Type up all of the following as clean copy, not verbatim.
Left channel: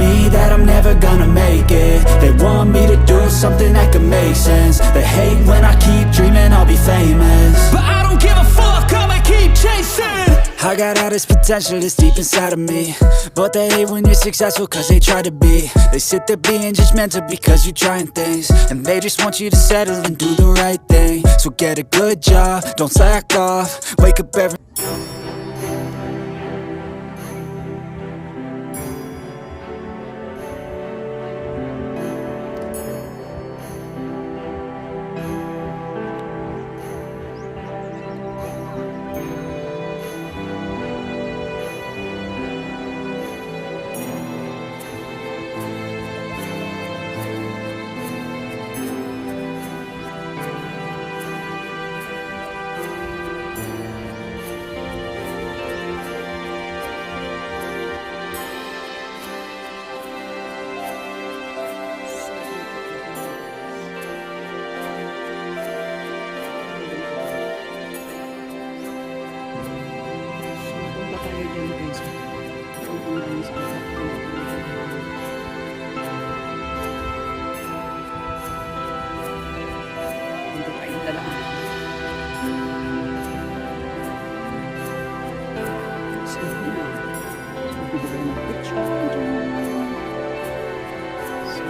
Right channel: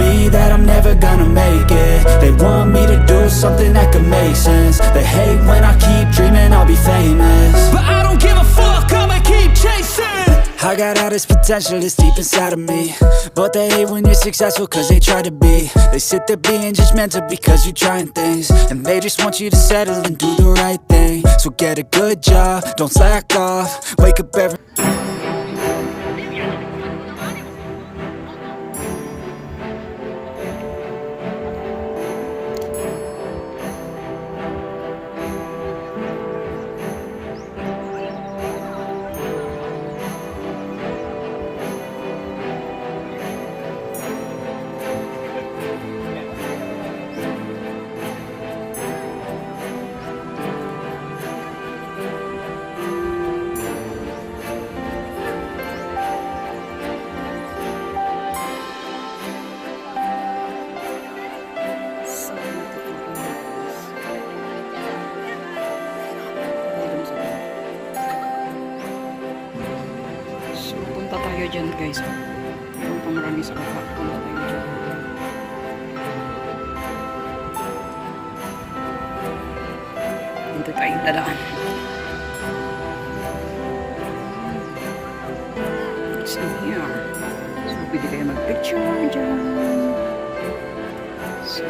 me that I'm never gonna make it. They want me to do something that could make sense. They hate when I keep dreaming I'll be famous, but I don't give a fuck, I'ma keep chasing. I got all this potential that's deep inside of me, but they hate when you're successful cause they try to be. They sit there being judgmental because you're trying things, and they just want you to settle and do the right thing. So get a good job, don't slack off, wake up every tayo dyan guys. Ang pamarami sa baba. Dito tayo dadaan. So yeah. So pwede kayo mag-picture dyan. So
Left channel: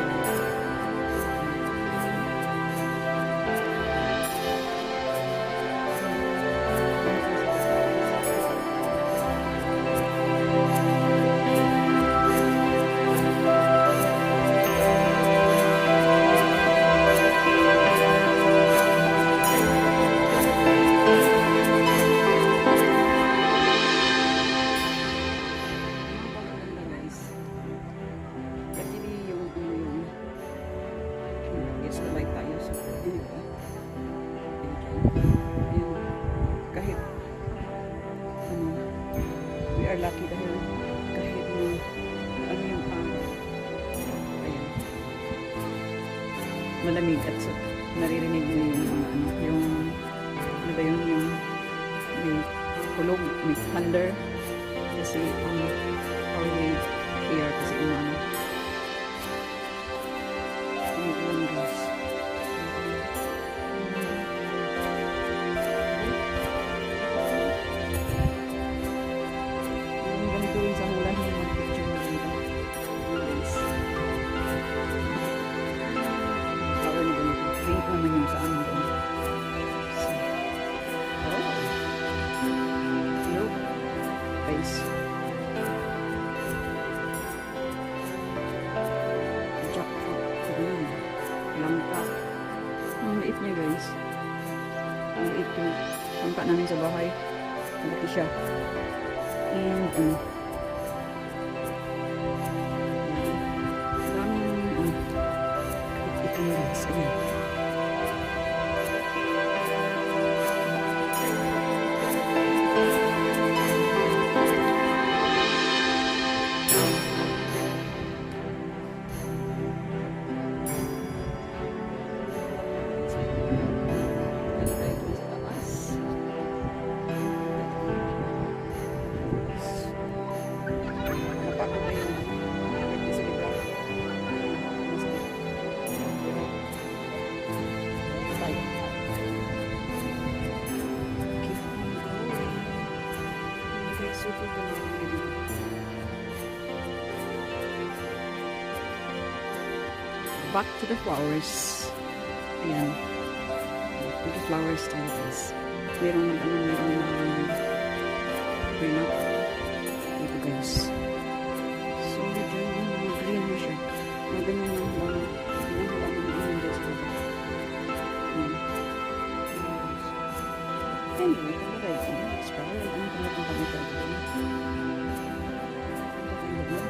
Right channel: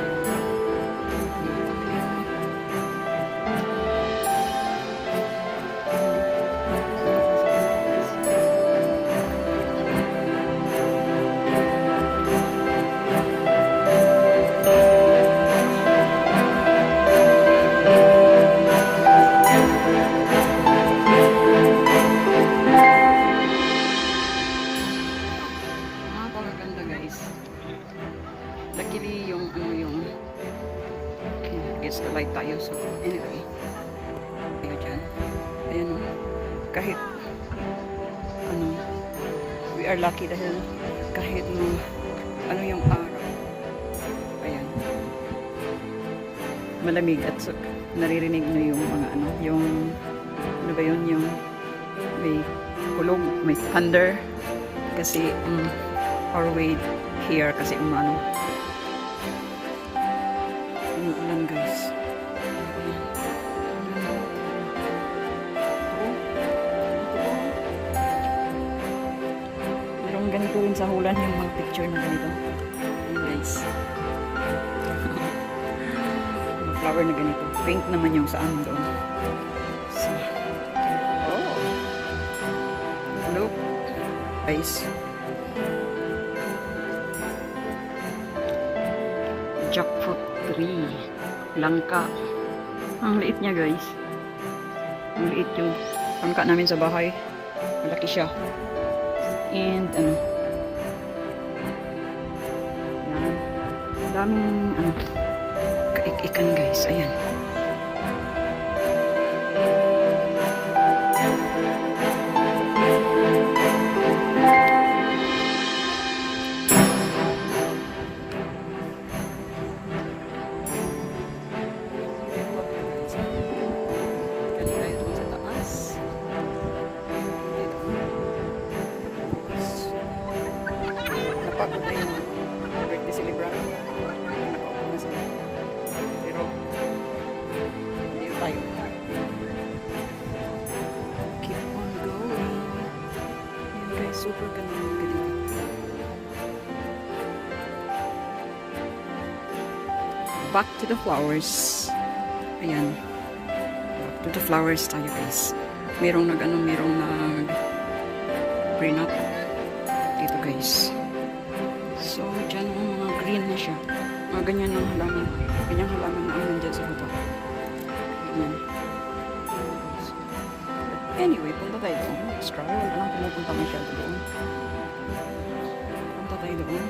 luckily yung gets the light tayo. So anyway, tayo dyan. Ayan o, kahit we are lucky dahil kahit yung araw, ayan, malamig at so, naririnig nyo yung mga yung ano ba yun, yung may kulog, may thunder kasi our way here kasi umulan guys. Merong ganito rin sa Holland yung mga picture na ganito. Ayan guys. Flower na ganito. Pink naman yung sa amin doon. So, oh! Look! Guys. Jackfruit tree. Langka. Ang liit niya guys. Ang liit yung langka namin sa bahay. Malaki siya. And yan. Daming kaikikan guys. Ayan. Napagod na yung birthday celebration. Nakaupo na sila. Pero hindi tayo. Keep on going. Guys, super ganda ng ganito. Back to the flowers. Ayan. Back to the flowers tayo guys. Merong nag green up dito guys. So dyan yung mga green na siya, mga ganyan ng halaman, ganyang halaman na ang nandyan sa baba. Ayan. Anyway, punta tayo doon. Extra, wala nang pumupunta masyado doon. Punta tayo doon.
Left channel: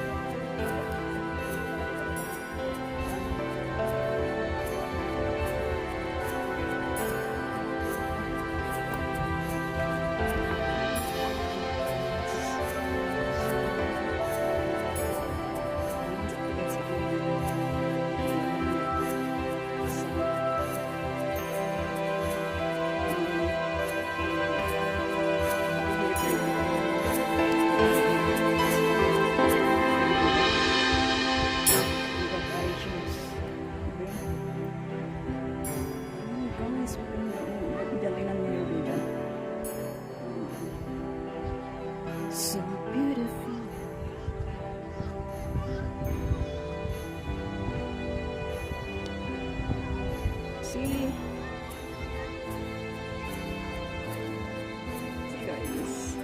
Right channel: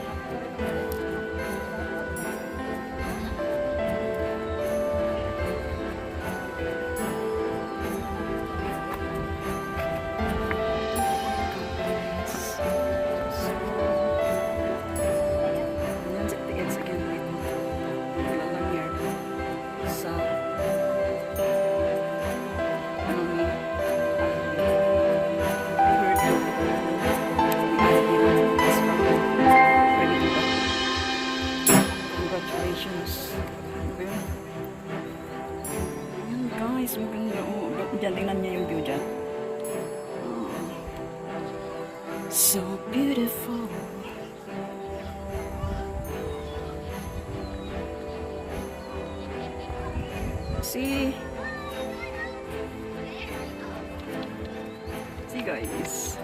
dyan. Tingnan niya yung view dyan. So beautiful. See guys,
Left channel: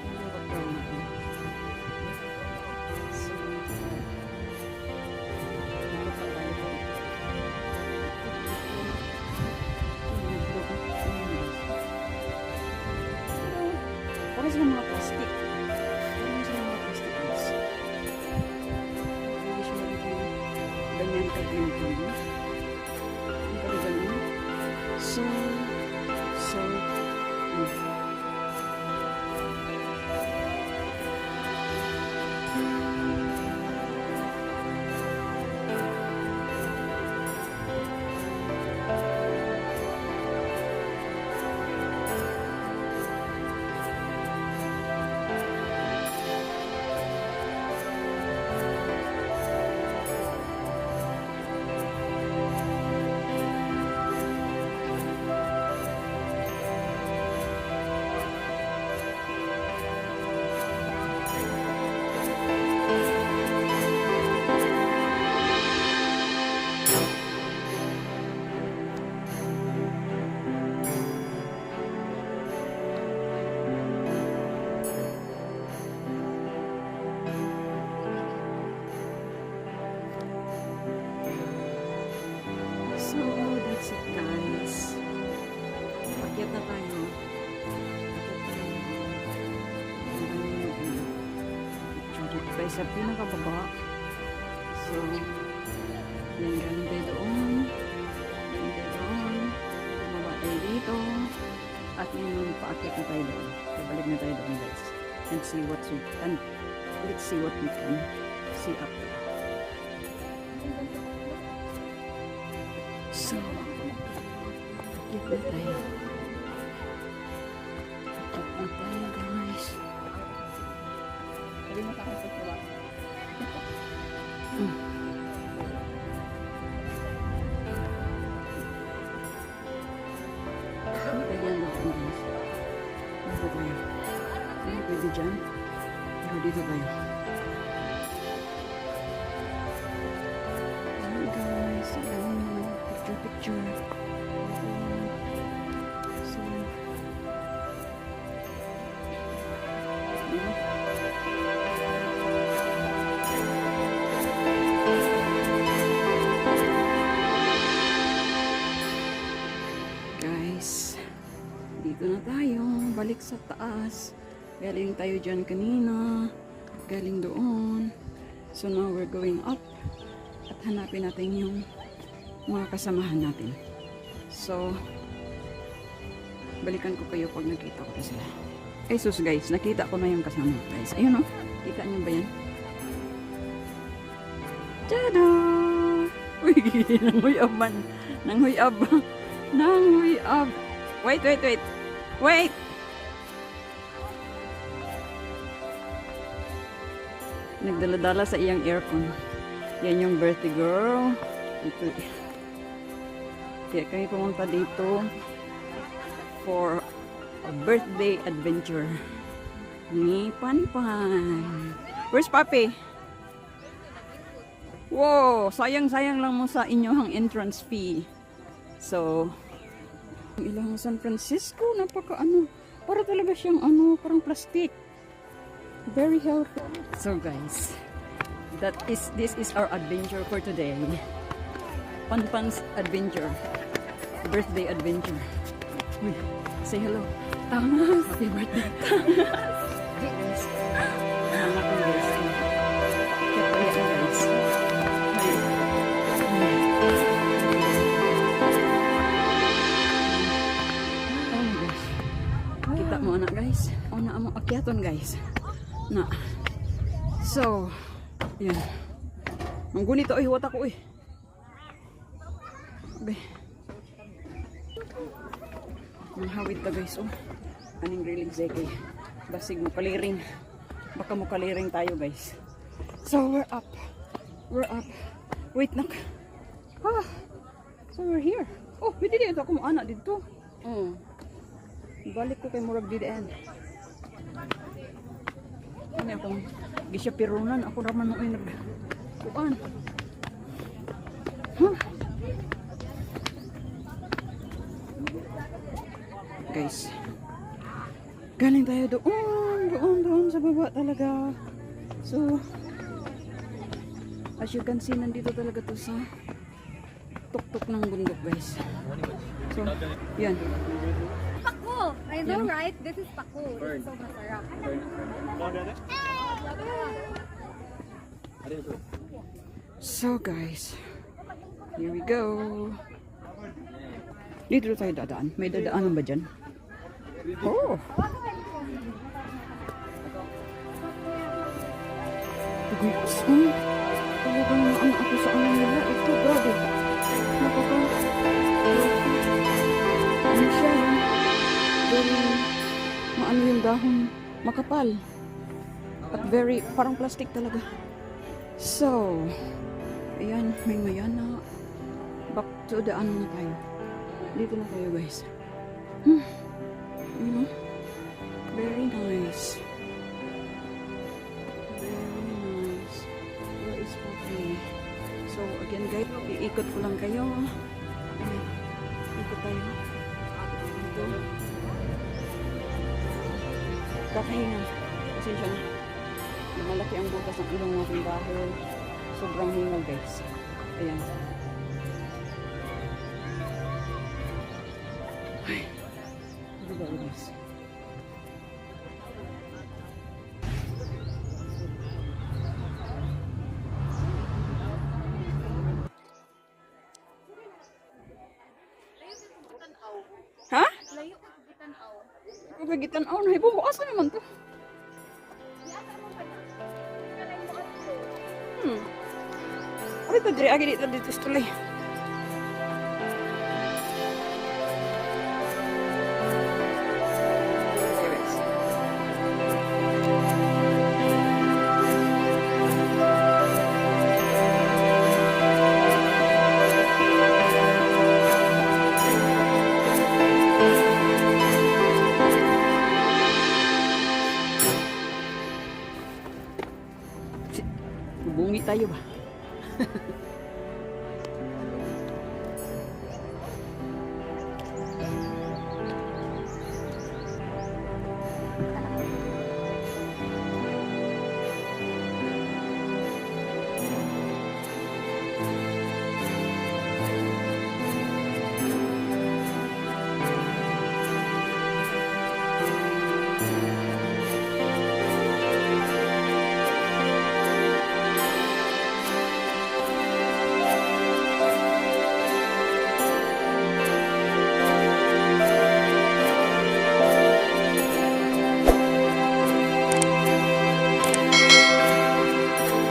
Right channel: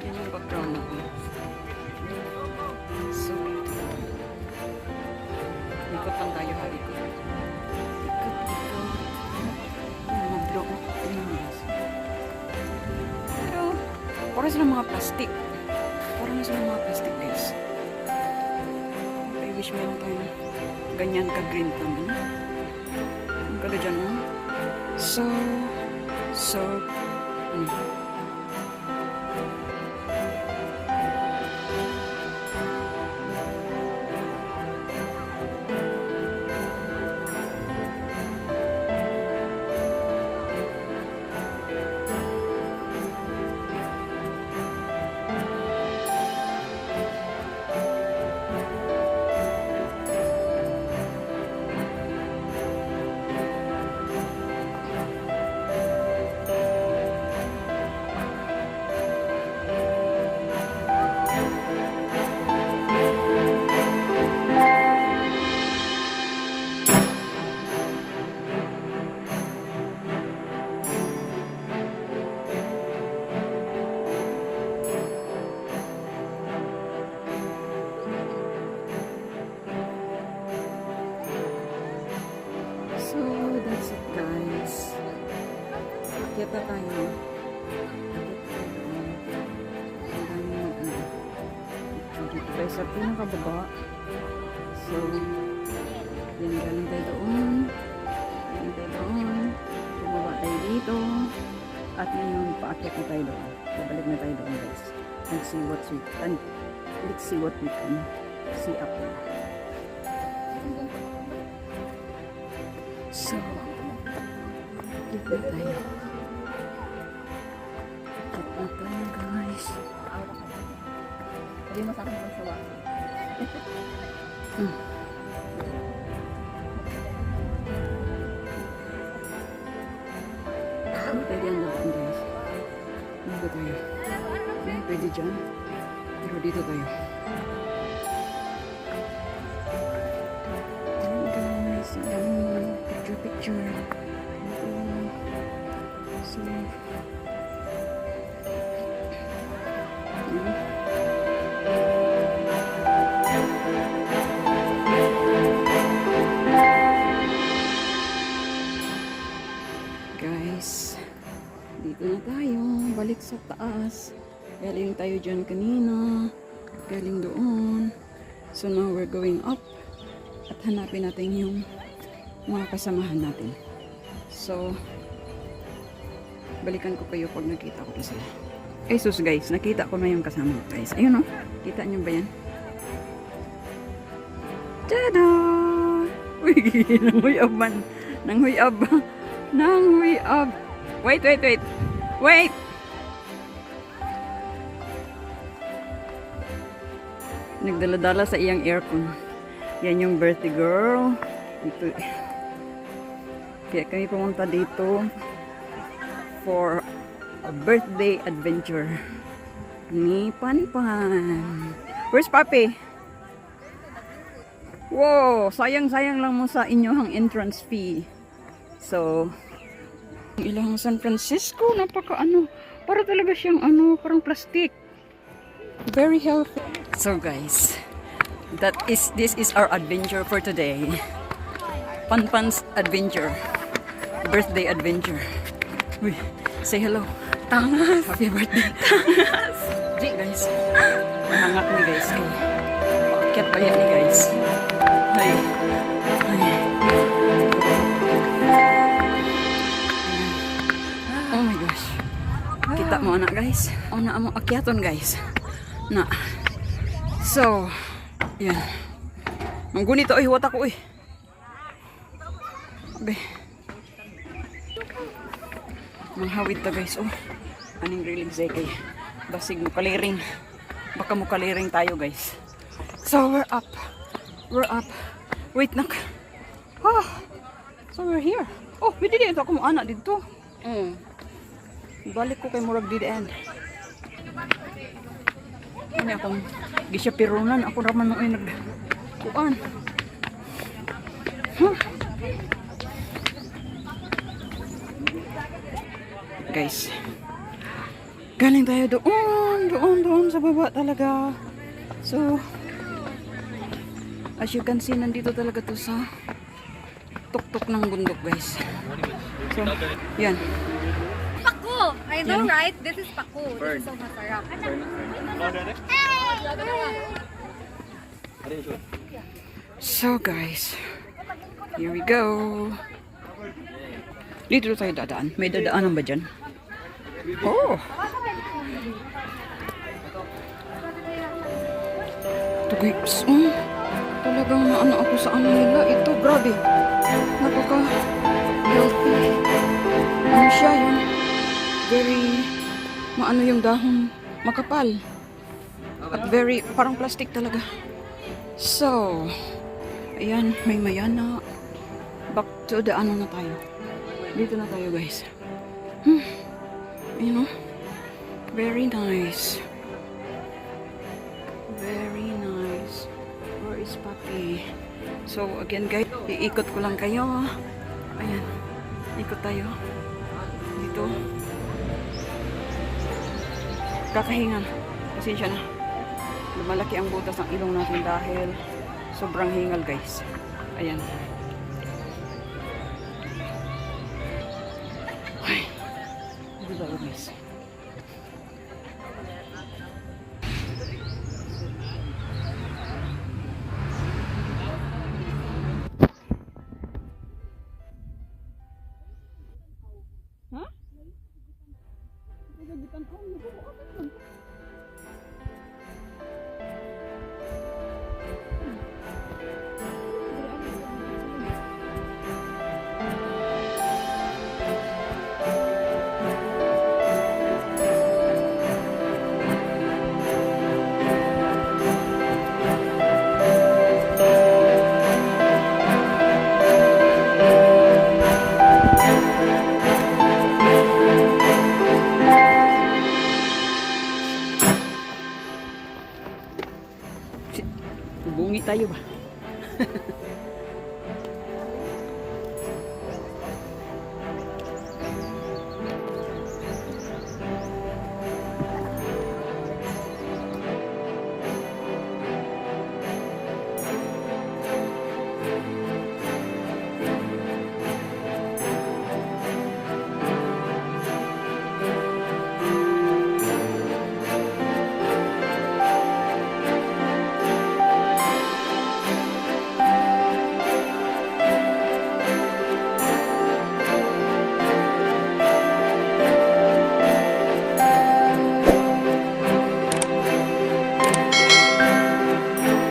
yun yung background natin. So beautiful. Ikot lang tayo ha, ikot. Pero parang silang mga plastic. Guys. I wish meron tayong ganyan ka-green thumb. Ang ganda dyan, no? So that's it guys. Akyat na tayo. Dito tayo sa pinakababa. So, yan, galing tayo doon. Bumaba tayo dito. At ngayon, paakyat na tayo doon. Babalik na tayo doon guys. Let's see what we can see up there. So, dito na tayo. Dito na tayo guys. Hindi na kami sila. Hindi pwede ang babaan guys. Dito tayo. Hindi pwede dyan. Pero dito tayo. Picture. So, guys, dito na tayo. Balik sa taas. Galing tayo dyan kanina. Galing doon. So now we're going up. At hanapin natin yung mga kasamahan natin. So, balikan ko kayo pag nakita ko na sila. Ay sus guys, nakita ko na yung kasama guys. Ayun o, kita nyo ba yan? Tada! Uy, nanghuyab man. Nanghuyab. Wait! Nagdala-dala sa iyang aircon. Yan yung birthday girl. Ito. Kaya kami pumunta dito for a birthday adventure ni Panpan. Where's Papi? Wow, sayang-sayang lang mo sa inyong entrance fee. So, ilang San Francisco, napaka para talaga siyang parang plastic. Very healthy. So guys, this is our adventure for today. Panpan's adventure. Birthday adventure. Uy, say hello. Tangas. Happy birthday. Tangas. Di guys. Manangat ni guys. Ay. Pakyat ba yan guys? Ay. Oh my gosh. Kita mo na guys. Na mo akyaton guys. Na. So, yan. Ang gunito ay huwat ako eh. Abe. Manghawid ta guys. Oh. Aning grilling kay basig mo kaliring. Baka mo kaliring tayo guys. So we're up. Wait nak. So we're here. Oh, pwede dito ako mo anak dito. Balik ko kay Murag di the end. Ano akong gisya pirunan. Ako raman nung ay nagkuhan. Huh? Guys. Galing tayo doon sa baba talaga. So, as you can see, nandito talaga to sa tuktok ng bundok, guys. So, yan. Paku! I know, right? This is paku. This is so masarap. So, guys, here we go. Dito tayo dadaan. May dadaanan ba dyan? Oh! Ito, guys. Talagang naano ako sa ano nila. Ito, grabe. Napaka-healthy. Ano siya yun? Very, maano yung dahon. Makapal. At very, parang plastic talaga. So, ayan, may mayana. Back to the ano na tayo. Dito na tayo, guys. You know, very nice. Very nice. Where is Papi? So, again, guys, iikot ko lang kayo. Ayan, ikot tayo. Dito. Kakahinga. Pasensya na. Lumalaki ang butas ng ilong natin dahil sobrang hingal, guys. Ayan. Ay. Diba, guys? Ha? Layo ka gitanaw. Kagitan na ibo asa naman to? Ay, tadri agi dito tuloy. Bungi tayo ba?